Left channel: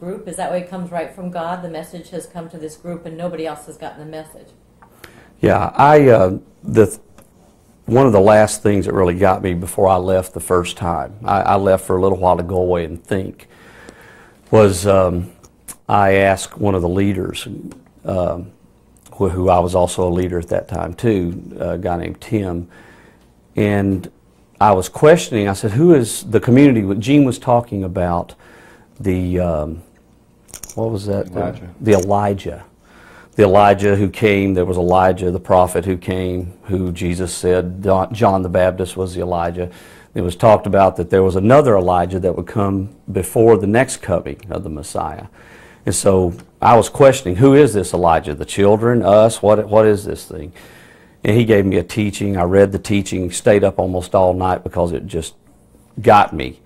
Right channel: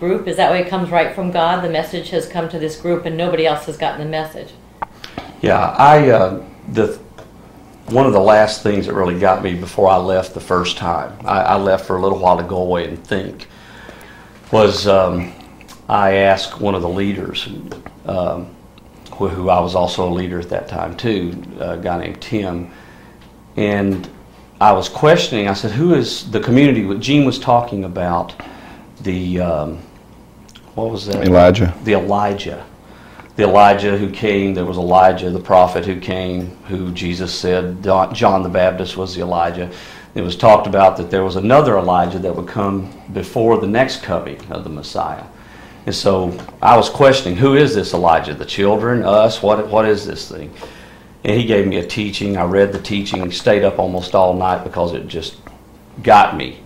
group? Is that way it comes right from God? The message has come to this group and nobody else has gotten the message. Yeah, one of the last things that really got me before I left the first time, I left for a little while to go away and think, was I asked one of the leaders, who I was also a leader at that time too, a guy named Tim, and I was questioning, I said, who is the community? Gene was talking about the, what was that? Elijah. The Elijah who came. There was Elijah, the prophet who came, who Jesus said John the Baptist was the Elijah. It was talked about that there was another Elijah that would come before the next coming of the Messiah. And so I was questioning, who is this Elijah? The children, us, what is this thing? And he gave me a teaching. I read the teaching, stayed up almost all night because it just got me.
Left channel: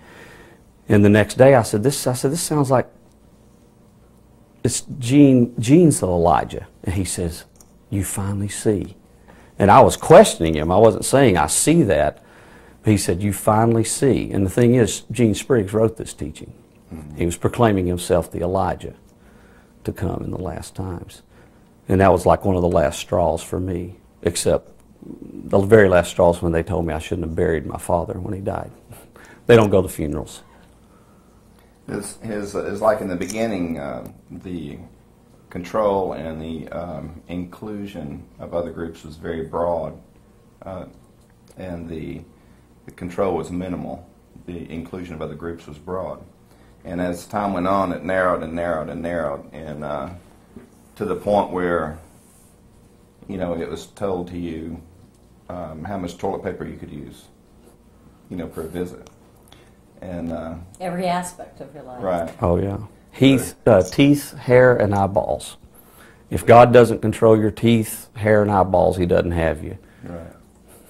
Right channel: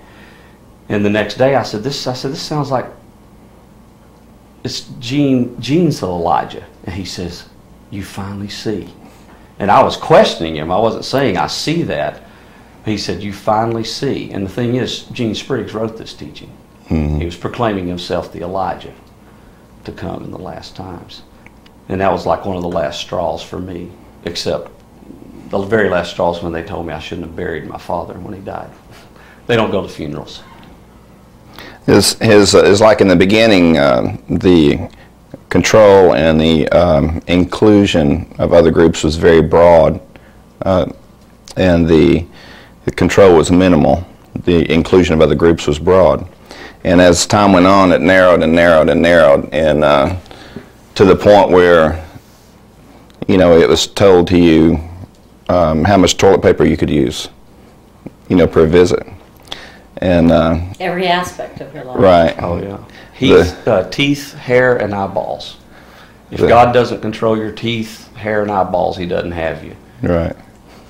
And the next day I said, this sounds like it's Gene's the Elijah. And he says, you finally see. And I was questioning him. I wasn't saying I see that. He said, you finally see. And the thing is, Gene Spriggs wrote this teaching. Mm-hmm. He was proclaiming himself the Elijah to come in the last times. And that was like one of the last straws for me, except the very last straws when they told me I shouldn't have buried my father when he died. They don't go to funerals. Is like in the beginning, the control and the inclusion of other groups was very broad, and the control was minimal. The inclusion of other groups was broad. And as time went on, it narrowed and narrowed and narrowed, and to the point where, you know, it was told to you how much toilet paper you could use, you know, per visit. And every aspect of your life. Right. Oh yeah. Teeth, hair, and eyeballs. If God doesn't control your teeth, hair, and eyeballs, He doesn't have you. Right.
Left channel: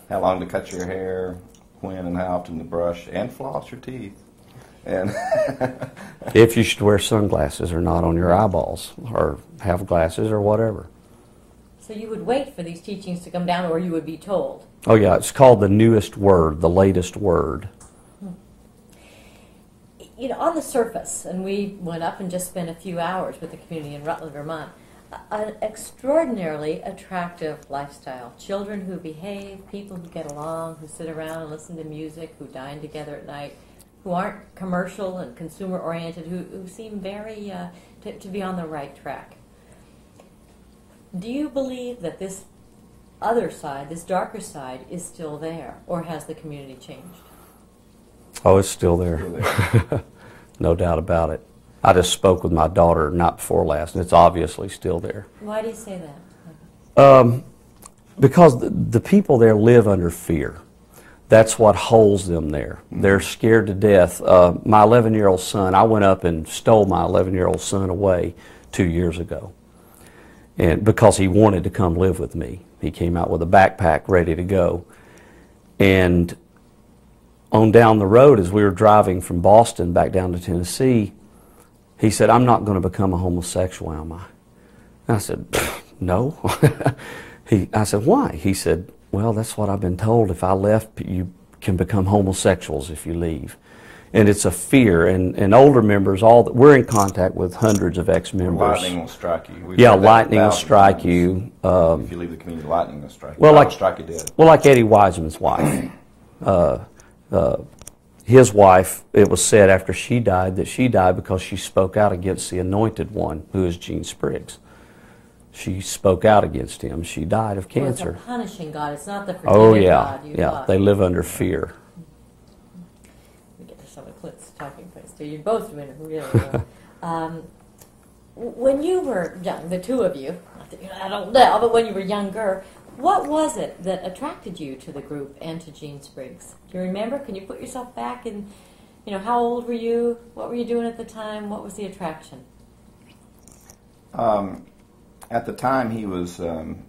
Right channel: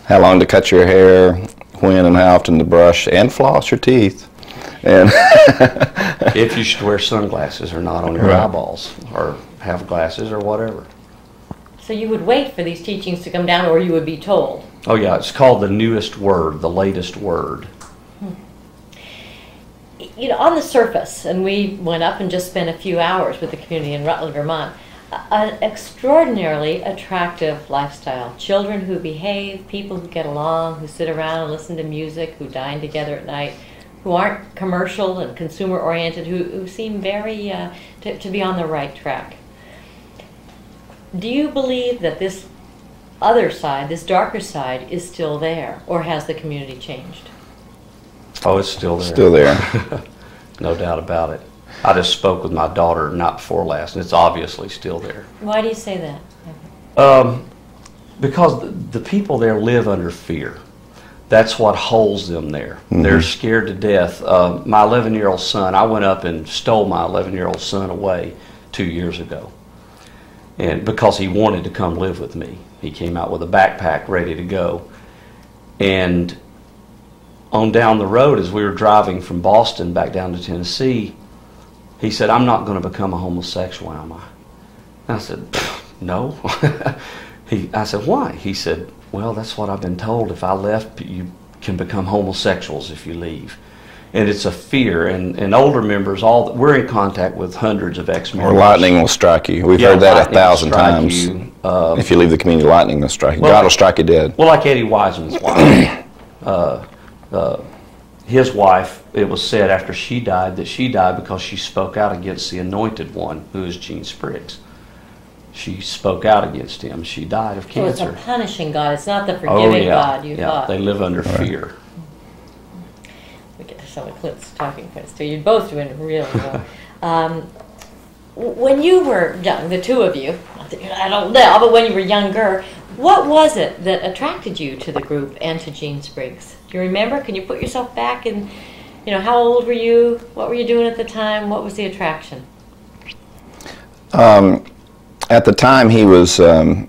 How long to cut your hair, when and how often to brush and floss your teeth, and if you should wear sunglasses or not on your right. eyeballs, or have glasses or whatever. So you would wait for these teachings to come down, or you would be told? Oh yeah, it's called the newest word, the latest word. You know, on the surface, and we went up and just spent a few hours with the community in Rutland, Vermont, an extraordinarily attractive lifestyle. Children who behave, people who get along, who sit around and listen to music, who dine together at night, who aren't commercial and consumer-oriented, who seem very to be on the right track. Do you believe that this other side, this darker side, is still there, or has the community changed? Oh, it's still there. Still there. No doubt about it. I just spoke with my daughter not before last, and it's obviously still there. Why do you say that? Because the people there live under fear. That's what holds them there. Mm-hmm. They're scared to death. My 11-year-old son, I went up and stole my 11-year-old son away 2 years ago, and because he wanted to come live with me. He came out with a backpack ready to go. And on down the road, as we were driving from Boston back down to Tennessee, he said, I'm not going to become a homosexual, am I? And I said, no. I said, why? He said, well, that's what I've been told. If I left, you can become homosexuals if you leave. And it's a fear. And older members, we're in contact with hundreds of ex-members. Or lightning will strike you. We've heard that 1,000 times. If you leave the community, lightning will strike you. Well, God will strike you dead. Well, like Eddie Wiseman's wife. His wife, it was said after she died that she died because she spoke out against the anointed one, who is Gene Spriggs. She spoke out against him. She died of cancer. So it's a punishing God. It's not the forgiving God you thought. They live under fear. We get to some of Clint's talking points too. You're both doing really well. When you were young, the two of you, I don't know, but when you were younger, what was it that attracted you to the group and to Gene Spriggs? Do you remember? Can you put yourself back in, you know, how old were you? What were you doing at the time? What was the attraction? At the time, he was, I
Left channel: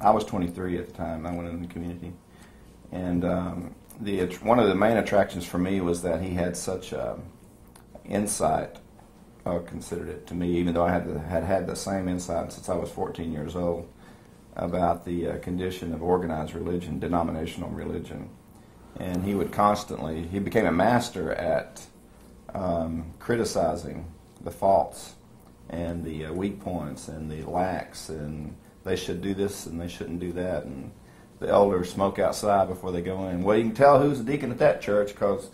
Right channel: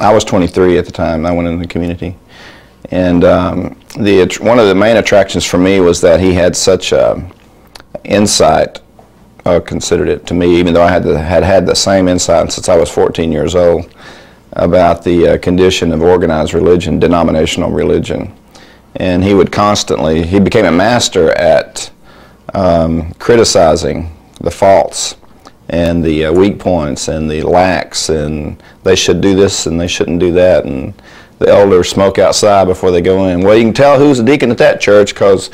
was 23 at the time. I went into the community. And one of the main attractions for me was that he had such insight, considered it to me, even though I had the same insight since I was 14 years old, about the condition of organized religion, denominational religion. And he would constantly, he became a master at criticizing the faults and the weak points and the lacks, and they should do this and they shouldn't do that, and the elders smoke outside before they go in. Well, you can tell who's a deacon at that church because